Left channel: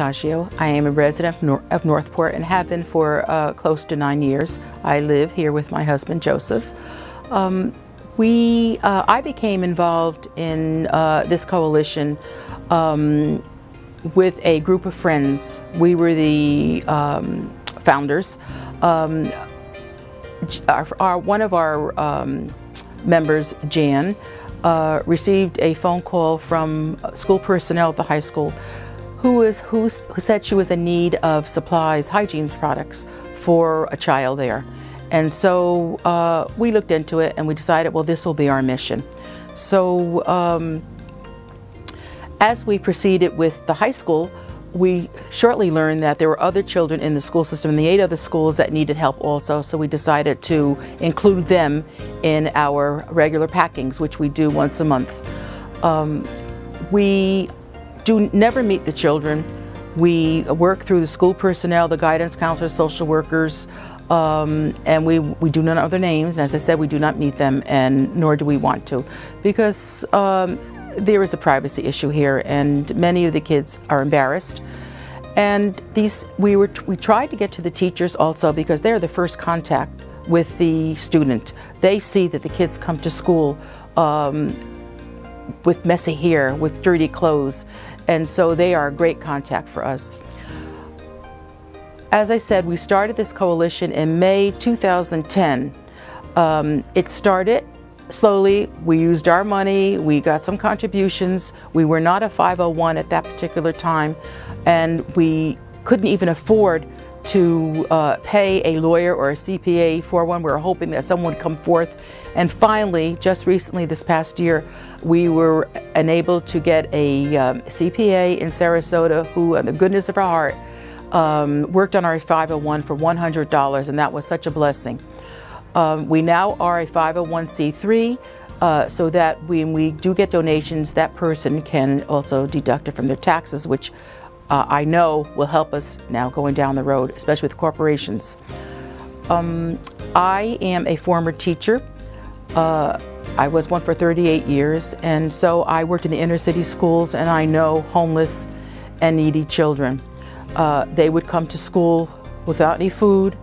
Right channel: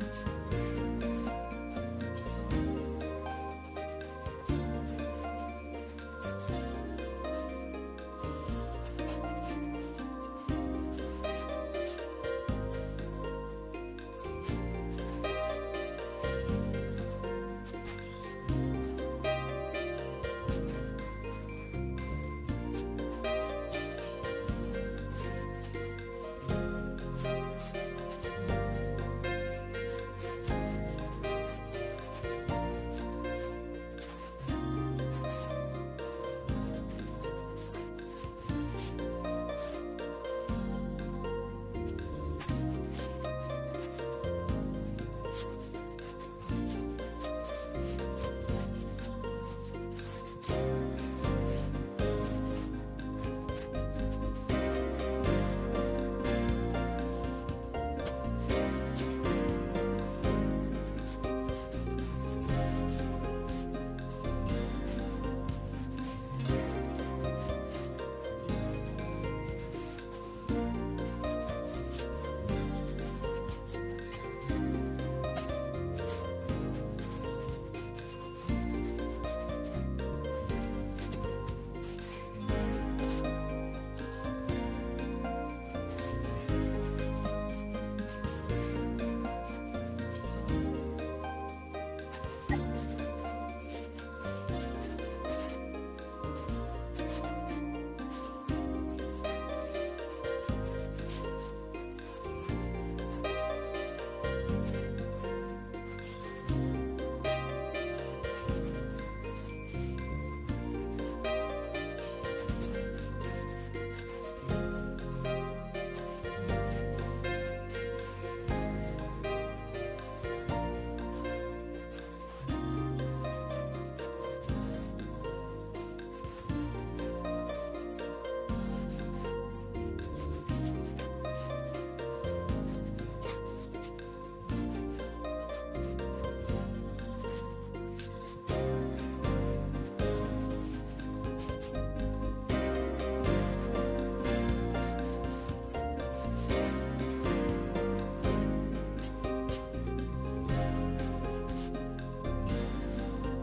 Portaccio. I am a resident of Northport and have been for close to 9 years. I live here with my husband, Joseph. I became involved in this coalition with a group of friends. We were the founders. One of our members, Jan, received a phone call from school personnel at the high school who said she was in need of supplies, hygiene products for a child there. And so we looked into it and we decided, well, this will be our mission. So as we proceeded with the high school, we shortly learned that there were other children in the school system in the 8 other schools that needed help also, so we decided to include them in our regular packings, which we do once a month. We never meet the children. We work through the school personnel, the guidance counselors, social workers, and we do not know their names. As I said, we do not meet them, and nor do we want to, because there is a privacy issue here, and many of the kids are embarrassed. And we tried to get to the teachers also, because they're the first contact with the student. They see that the kids come to school with messy hair, with dirty clothes, and so they are a great contact for us. As I said, we started this coalition in May 2010. It started slowly. We used our money, we got some contributions. We were not a 501 at that particular time, and we couldn't even afford to pay a lawyer or a CPA for one. We were hoping that someone would come forth, and finally, just recently this past year, we were enabled to get a CPA in Sarasota who, in the goodness of her heart, worked on our 501 for $100, and that was such a blessing. We now are a 501c3, so that when we do get donations, that person can also deduct it from their taxes, which I know will help us now going down the road, especially with corporations. I am a former teacher. I was one for 38 years, and so I worked in the inner city schools, and I know homeless and needy children. They would come to school without any food.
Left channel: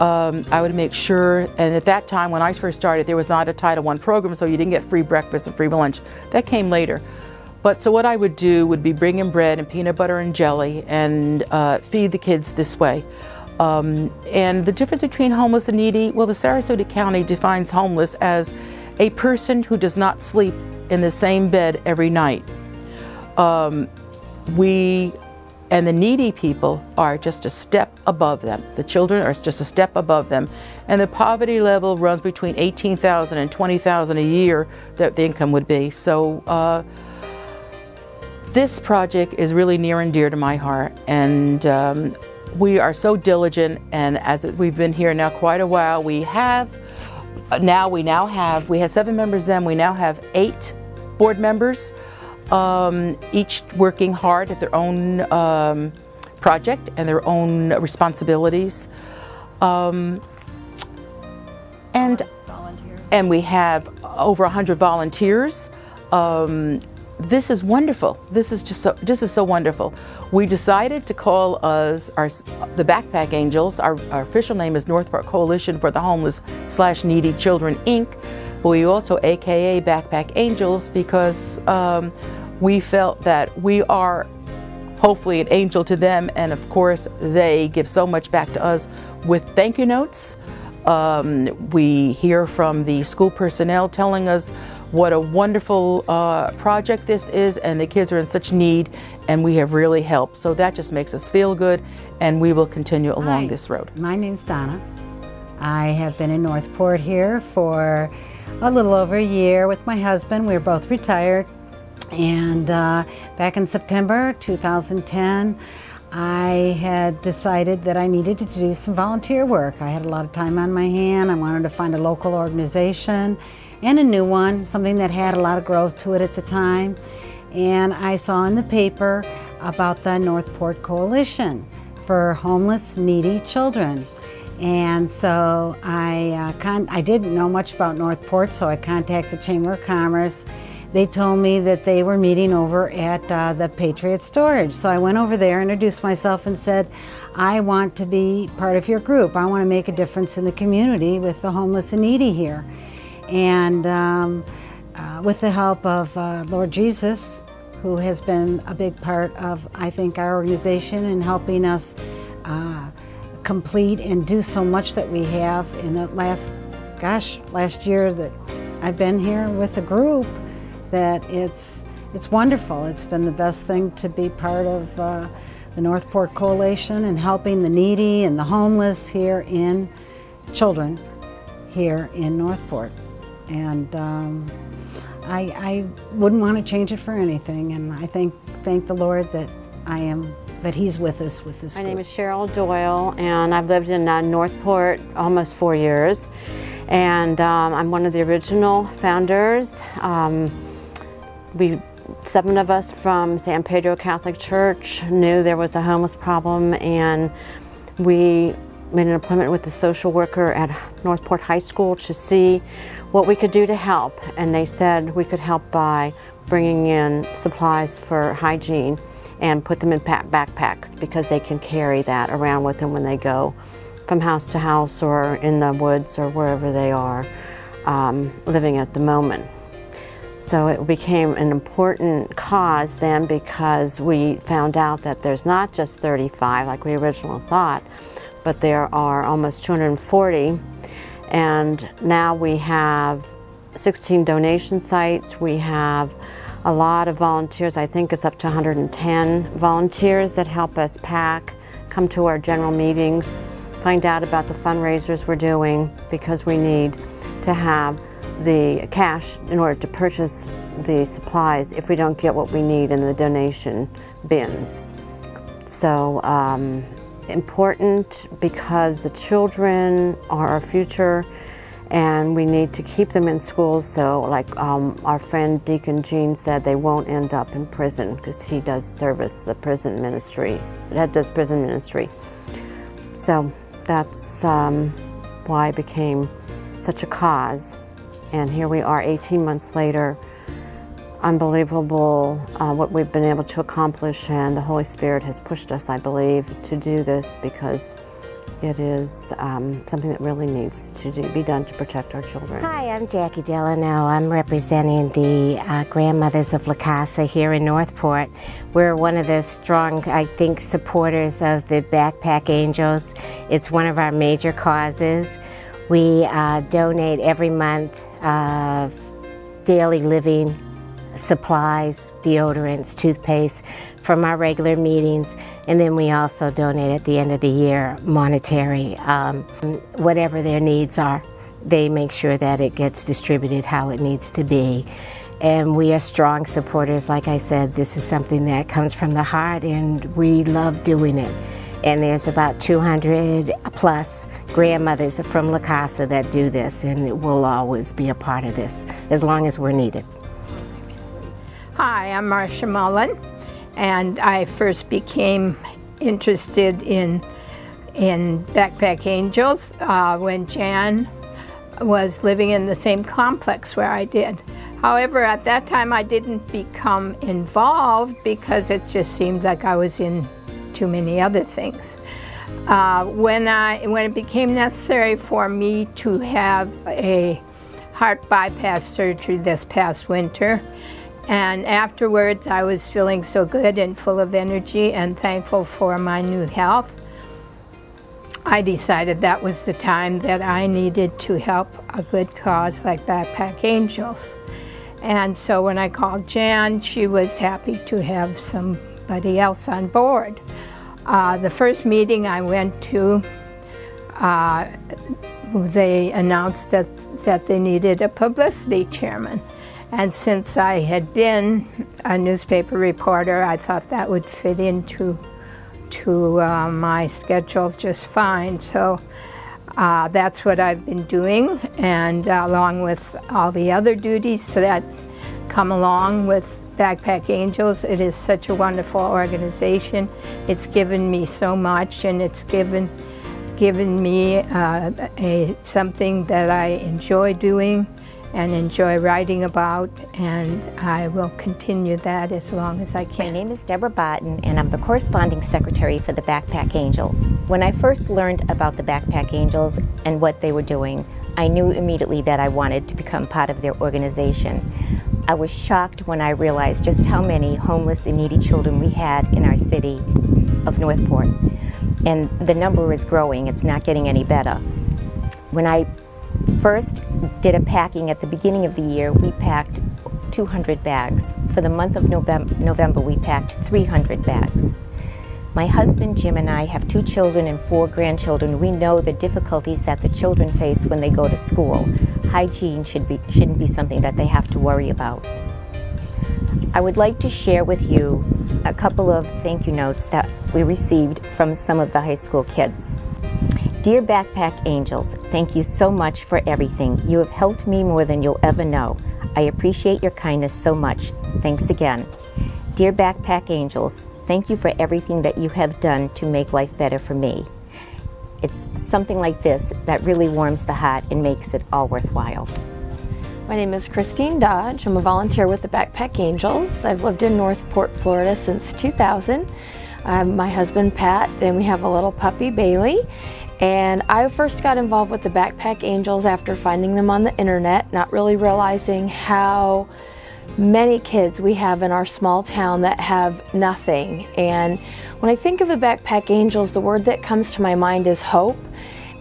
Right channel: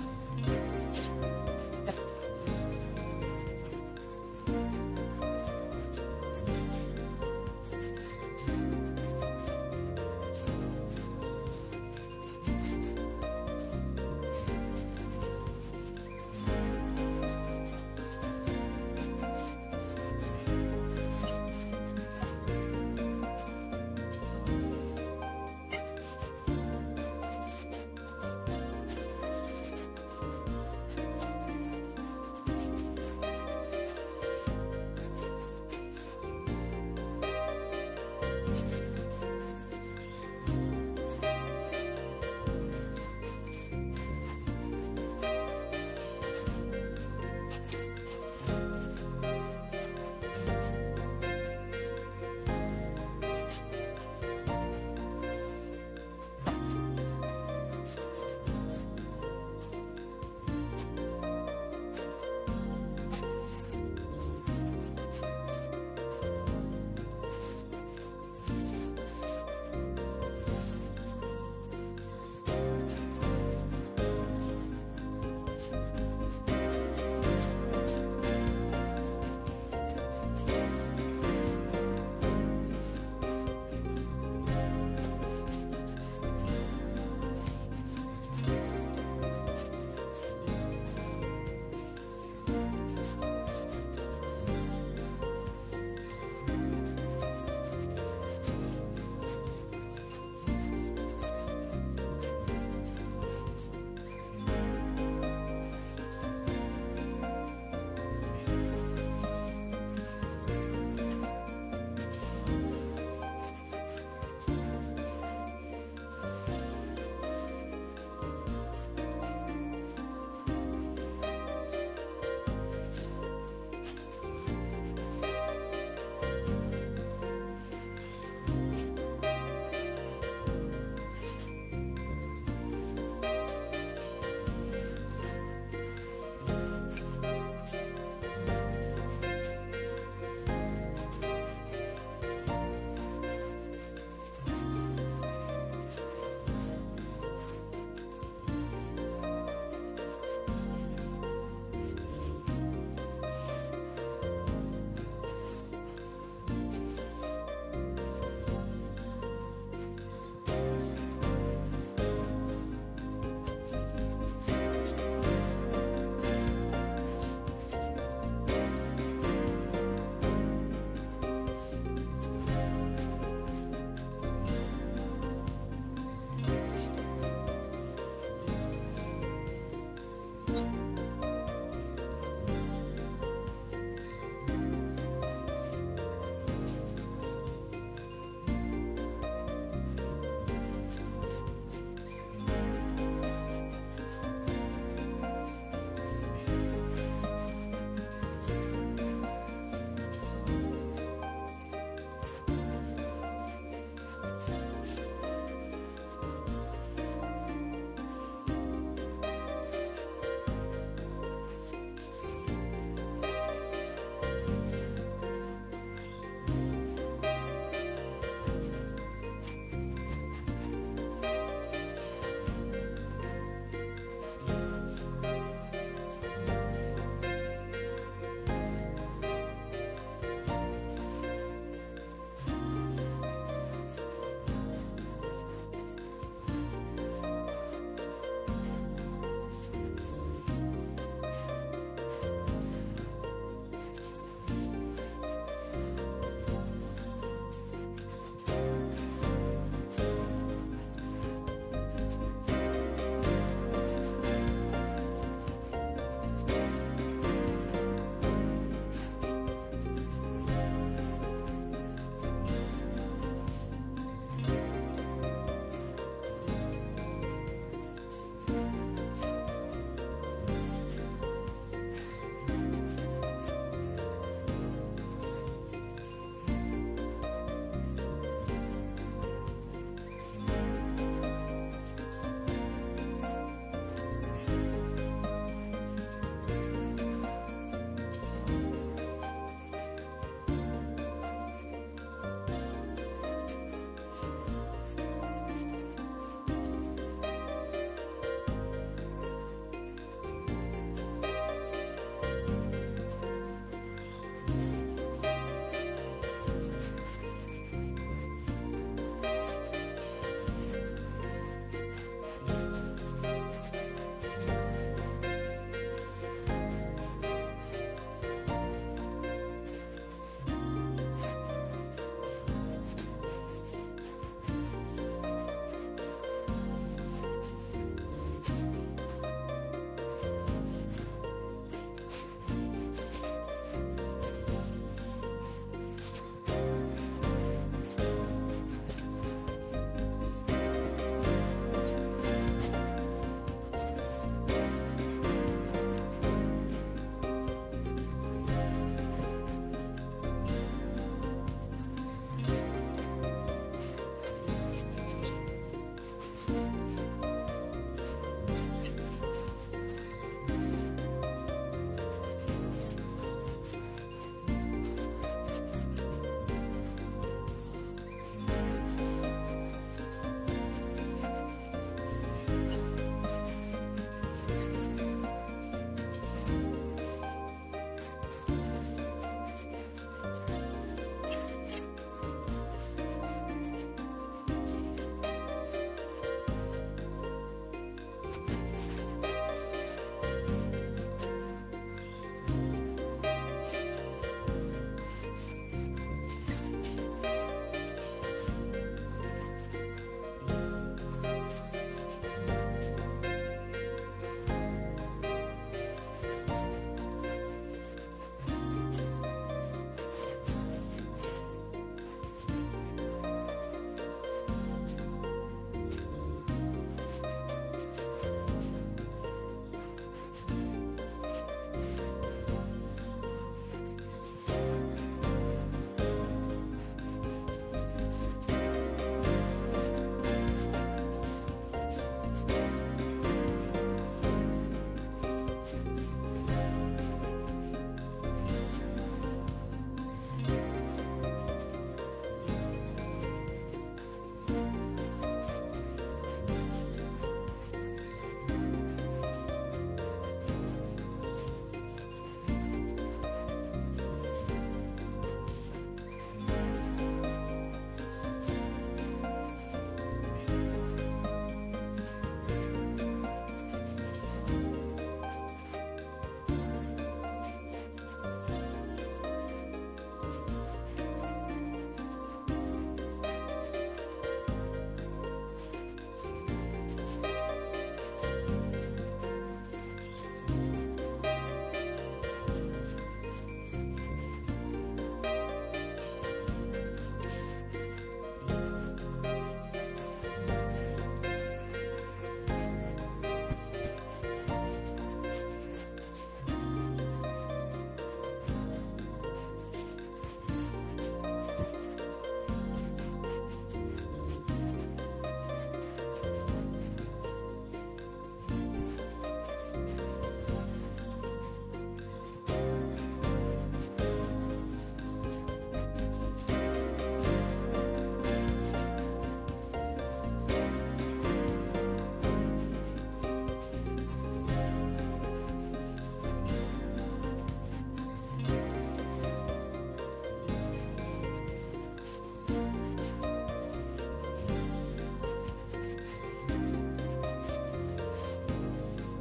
I would make sure, and at that time when I first started, there was not a Title I program, so you didn't get free breakfast and free lunch. That came later. But so what I would do would be bring in bread and peanut butter and jelly and feed the kids this way. And the difference between homeless and needy, well, the Sarasota County defines homeless as a person who does not sleep in the same bed every night. And the needy people are just a step above them. The children are just a step above them. And the poverty level runs between $18,000 and $20,000 a year that the income would be. So this project is really near and dear to my heart. And we are so diligent, and as we've been here now quite a while, we had 7 members then, we now have 8 board members. Each working hard at their own project and their own responsibilities. And we have over 100 volunteers. This is wonderful. This is so wonderful. We decided to call us the Backpack Angels. Our official name is Northport Coalition for the Homeless/Needy Children, Inc. But we also AKA Backpack Angels because we felt that we are hopefully an angel to them, and of course they give so much back to us with thank you notes. We hear from the school personnel telling us what a wonderful project this is, and the kids are in such need, and we have really helped. So that just makes us feel good, and we will continue along this road. My name's Donna. I have been in Northport here for a little over a year with my husband. We're both retired. And back in September 2010, I had decided that I needed to do some volunteer work. I had a lot of time on my hand. I wanted to find a local organization and a new one, something that had a lot of growth to it at the time. And I saw in the paper about the Northport Coalition for Homeless, Needy Children. And so I didn't know much about Northport, so I contacted the Chamber of Commerce. they told me that they were meeting over at the Patriot Storage. So I went over there, introduced myself, and said, I want to be part of your group. I want to make a difference in the community with the homeless and needy here. And with the help of Lord Jesus, who has been a big part of, I think, our organization and helping us complete and do so much that we have in the last year that I've been here with the group, that it's wonderful. It's been the best thing to be part of the Northport Coalition and helping the needy and the homeless here in children here in Northport. And I wouldn't want to change it for anything, and I thank the Lord that He's with us with this group. My name is Cheryl Doyle, and I've lived in Northport almost 4 years, and I'm one of the original founders. 7 of us from San Pedro Catholic Church knew there was a homeless problem, and we made an appointment with the social worker at Northport High School to see what we could do to help, and they said we could help by bringing in supplies for hygiene and put them in backpacks, because they can carry that around with them when they go from house to house or in the woods or wherever they are living at the moment. So it became an important cause then, because we found out that there's not just 35 like we originally thought, but there are almost 240. And now we have 16 donation sites. We have a lot of volunteers. I think it's up to 110 volunteers that help us pack, come to our general meetings, find out about the fundraisers we're doing, because we need to have the cash in order to purchase the supplies if we don't get what we need in the donation bins. So important, because the children are our future and we need to keep them in schools, so like our friend Deacon Gene said, they won't end up in prison, because he does service the prison ministry. That does prison ministry. So that's why it became such a cause. And here we are 18 months later. Unbelievable what we've been able to accomplish, and the Holy Spirit has pushed us, I believe, to do this, because it is something that really needs to be done to protect our children. Hi, I'm Jackie Delano. I'm representing the Grandmothers of La Casa here in Northport. We're one of the strong, I think, supporters of the Backpack Angels. It's one of our major causes. We donate every month daily living supplies, deodorants, toothpaste from our regular meetings, and then we also donate at the end of the year monetary. Whatever their needs are, they make sure that it gets distributed how it needs to be. And we are strong supporters. Like I said, this is something that comes from the heart, and we love doing it. And there's about 200 plus grandmothers from La Casa that do this, and we'll always be a part of this as long as we're needed. Hi, I'm Marcia Mullen, and I first became interested in Backpack Angels when Jan was living in the same complex where I did. However, at that time I didn't become involved because it just seemed like I was in too many other things. When it became necessary for me to have a heart bypass surgery this past winter, and afterwards I was feeling so good and full of energy and thankful for my new health, I decided that was the time that I needed to help a good cause like Backpack Angels. And so when I called Jan, she was happy to have somebody else on board. The first meeting I went to, they announced that they needed a publicity chairman. And since I had been a newspaper reporter, I thought that would fit into my schedule just fine. So that's what I've been doing, and along with all the other duties that come along with Backpack Angels, it is such a wonderful organization. It's given me so much, and it's given me something that I enjoy doing, and enjoy writing about, and I will continue that as long as I can. My name is Deborah Botten, and I'm the corresponding secretary for the Backpack Angels. When I first learned about the Backpack Angels and what they were doing, I knew immediately that I wanted to become part of their organization. I was shocked when I realized just how many homeless and needy children we had in our city of Northport. And the number is growing, it's not getting any better. When I first did a packing at the beginning of the year, we packed 200 bags. For the month of November, we packed 300 bags. My husband Jim and I have 2 children and 4 grandchildren. We know the difficulties that the children face when they go to school. Hygiene shouldn't be something that they have to worry about. I would like to share with you a couple of thank you notes that we received from some of the high school kids. Dear Backpack Angels, thank you so much for everything. You have helped me more than you'll ever know. I appreciate your kindness so much. Thanks again. Dear Backpack Angels, thank you for everything that you have done to make life better for me. It's something like this that really warms the heart and makes it all worthwhile. My name is Christine Dodge. I'm a volunteer with the Backpack Angels. I've lived in Northport, Florida since 2000. My husband Pat, and we have a little puppy, Bailey. And I first got involved with the Backpack Angels after finding them on the internet, not really realizing how many kids we have in our small town that have nothing. And when I think of the Backpack Angels, the word that comes to my mind is hope,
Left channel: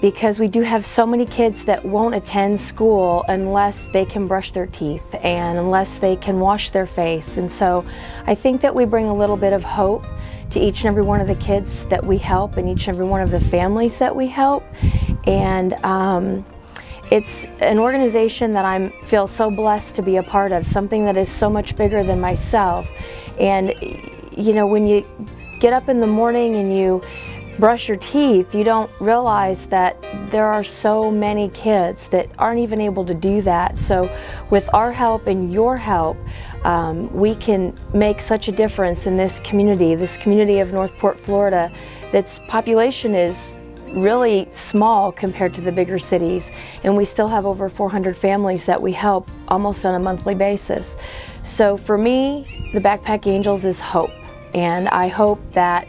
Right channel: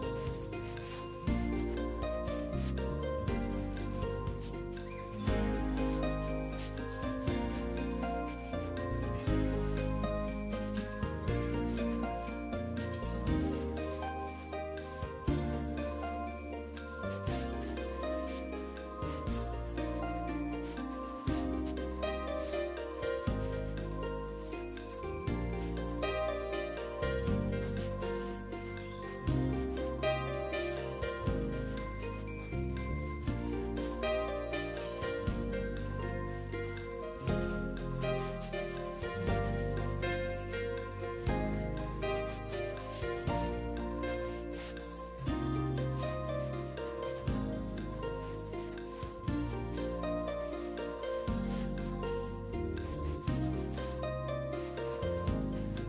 because we do have so many kids that won't attend school unless they can brush their teeth and unless they can wash their face. And so I think that we bring a little bit of hope to each and every one of the kids that we help and each and every one of the families that we help. And it's an organization that I feel so blessed to be a part of, something that is so much bigger than myself. And you know, when you get up in the morning and you brush your teeth, you don't realize that there are so many kids that aren't even able to do that. So with our help and your help, we can make such a difference in this community of Northport, Florida, that's population is really small compared to the bigger cities, and we still have over 400 families that we help almost on a monthly basis. So for me, the Backpack Angels is hope, and I hope that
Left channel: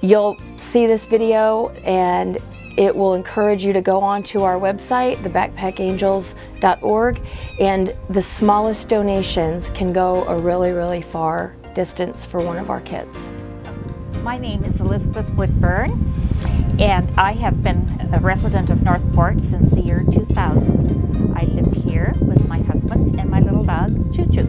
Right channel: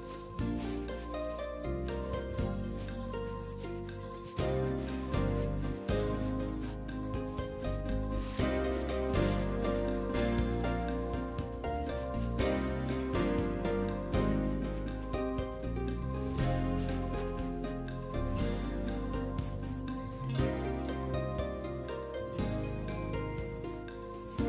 you'll see this video and it will encourage you to go onto our website, thebackpackangels.org, and the smallest donations can go a really, really far distance for one of our kids. My name is Elizabeth Woodburn, and I have been a resident of Northport since the year 2000. I live here with my husband and my little dog, Choo Choo.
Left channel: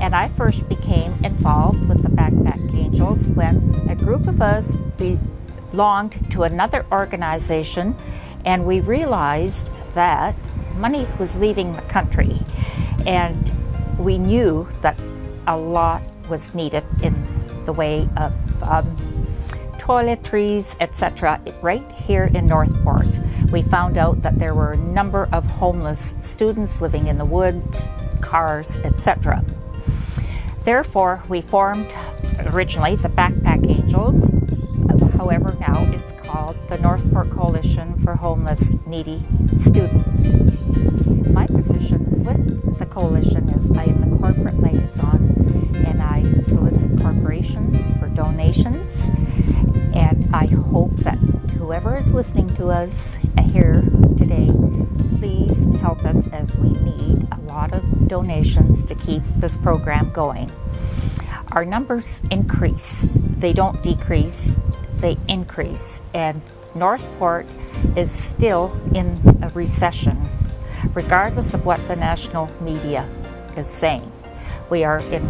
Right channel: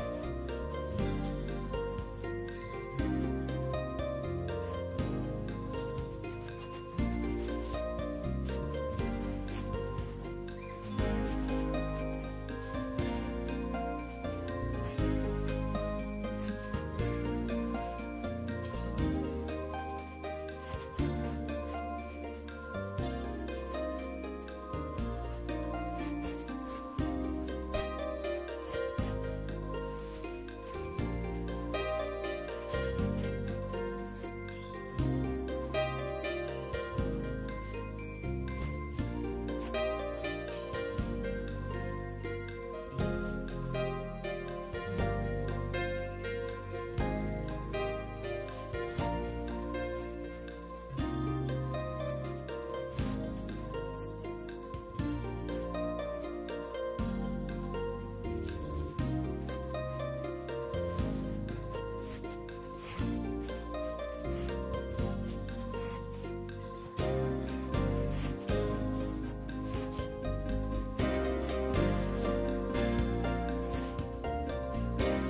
And I first became involved with the Backpack Angels when a group of us belonged to another organization, and we realized that money was leaving the country, and we knew that a lot was needed in the way of toiletries, etc. right here in Northport. We found out that there were a number of homeless students living in the woods, cars, etc. Therefore, we formed originally the Backpack Angels. However, now it's called the Northport Coalition for Homeless Needy Students. My position with the coalition is I am the corporate liaison, and I solicit corporations for donations. And I hope that whoever is listening to us here today, please help us, as we need a lot of donations to keep this program going. Our numbers increase. They don't decrease, they increase. And Northport is still in a recession, regardless of what the national media is saying. We are in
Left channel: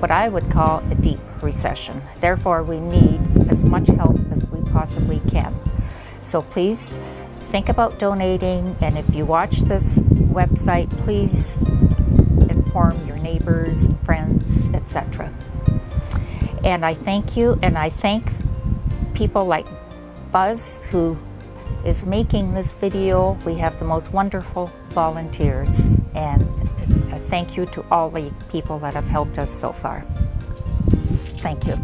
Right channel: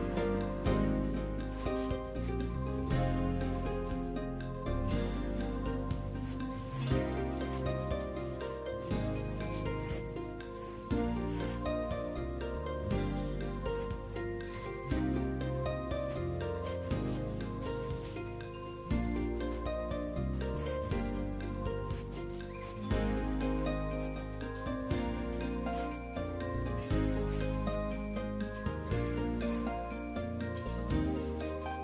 what I would call a deep recession. Therefore, we need as much help as we possibly can. So please think about donating, and if you watch this website, please inform your neighbors and friends, etc. And I thank you, and I thank people like Buzz, who is making this video. We have the most wonderful volunteers, and thank you to all the people that have helped us so far. Thank you.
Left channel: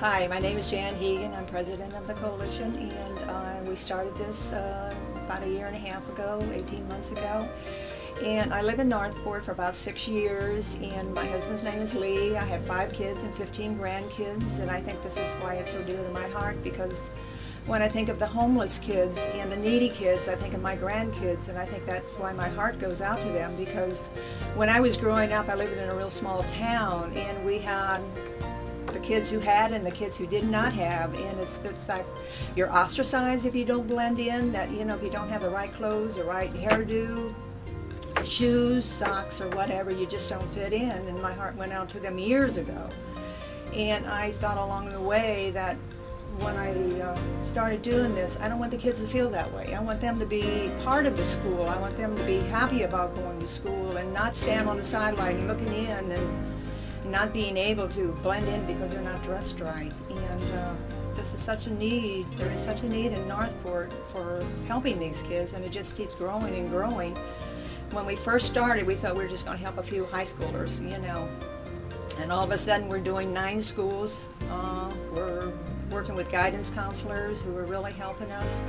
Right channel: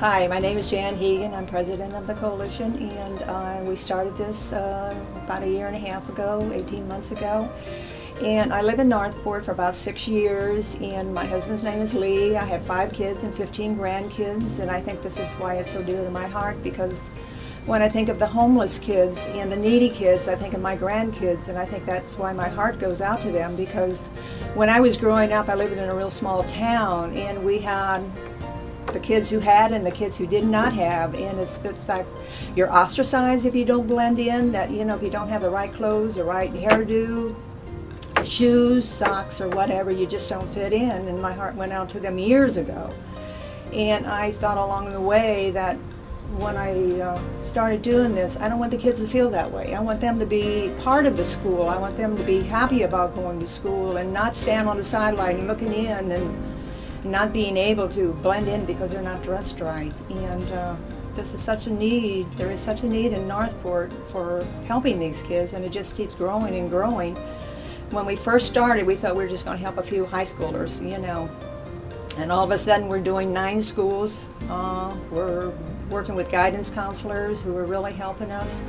Hi, my name is Jan Hegan. I'm president of the coalition, and we started this about a year and a half ago, 18 months ago. And I live in Northport for about 6 years, and my husband's name is Lee. I have 5 kids and 15 grandkids, and I think this is why it's so dear to my heart, because when I think of the homeless kids and the needy kids, I think of my grandkids, and I think that's why my heart goes out to them, because when I was growing up, I lived in a real small town, and we had the kids who had and the kids who did not have, and it's like you're ostracized if you don't blend in, that, you know, if you don't have the right clothes, the right hairdo, shoes, socks, or whatever, you just don't fit in. And my heart went out to them years ago. And I thought along the way that when I started doing this, I don't want the kids to feel that way. I want them to be part of the school. I want them to be happy about going to school and not stand on the sideline looking in and not being able to blend in because they're not dressed right. And this is such a need. There is such a need in Northport for helping these kids, and it just keeps growing and growing. When we first started, we thought we were just going to help a few high schoolers, you know. And all of a sudden, we're doing 9 schools. We're working with guidance counselors who are really helping us.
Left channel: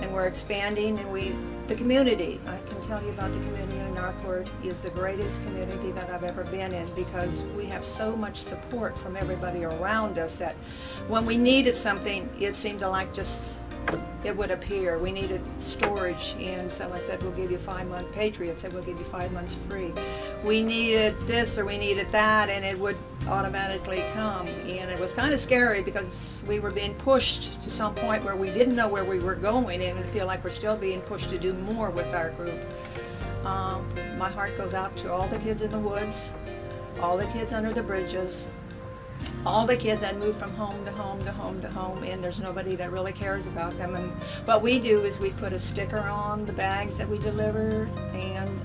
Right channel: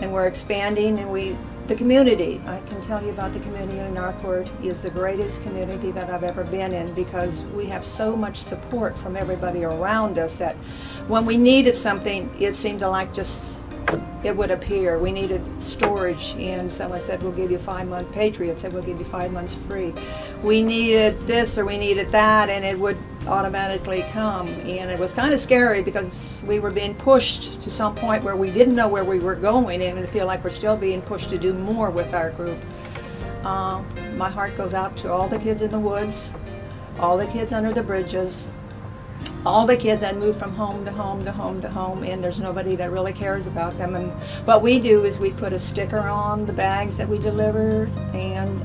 And we're expanding, and the community, I can tell you about the community in Northport, is the greatest community that I've ever been in, because we have so much support from everybody around us that when we needed something, it seemed to like just it would appear. We needed storage, and someone said, we'll give you 5-month, Patriot said, we'll give you 5 months free. We needed this or we needed that, and it would automatically come. And it was kind of scary because we were being pushed to some point where we didn't know where we were going, and I feel like we're still being pushed to do more with our group. My heart goes out to all the kids in the woods, all the kids under the bridges, all the kids that move from home to home to home to home, and there's nobody that really cares about them. And what we do is we put a sticker on the bags that we deliver, and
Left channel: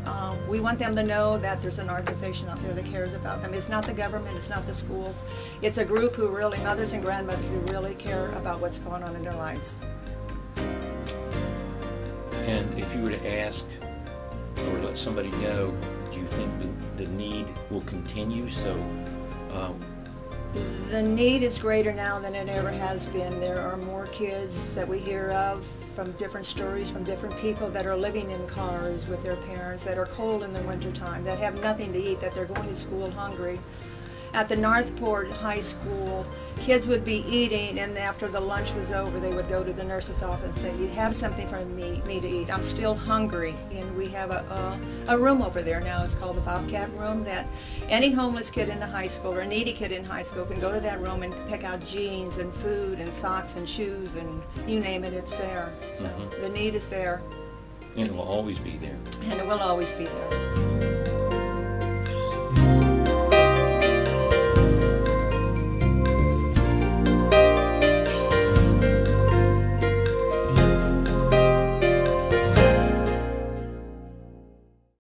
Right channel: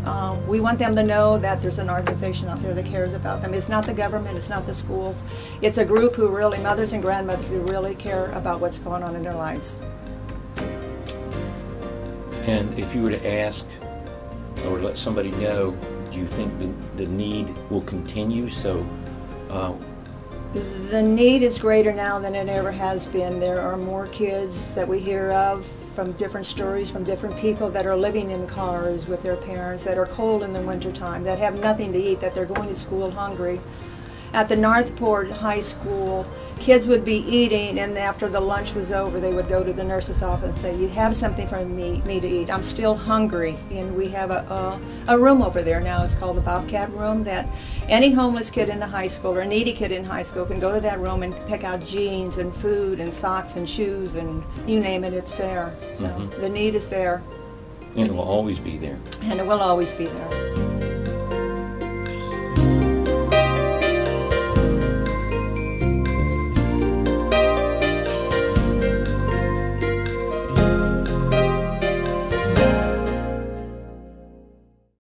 we want them to know that there's an organization out there that cares about them. It's not the government, it's not the schools. It's a group who really, mothers and grandmothers, who really care about what's going on in their lives. And if you were to ask or let somebody know, do you think the need will continue? The need is greater now than it ever has been. There are more kids that we hear of from different stories, from different people that are living in cars with their parents, that are cold in the wintertime, that have nothing to eat, that they're going to school hungry. At the Northport High School, kids would be eating, and after the lunch was over, they would go to the nurse's office and say, you have something for me to eat. I'm still hungry. And we have a room over there now. It's called the Bobcat Room, that any homeless kid in the high school or needy kid in high school can go to that room and pick out jeans and food and socks and shoes, and you name it, it's there. So the need is there. And it will always be there. And it will always be there.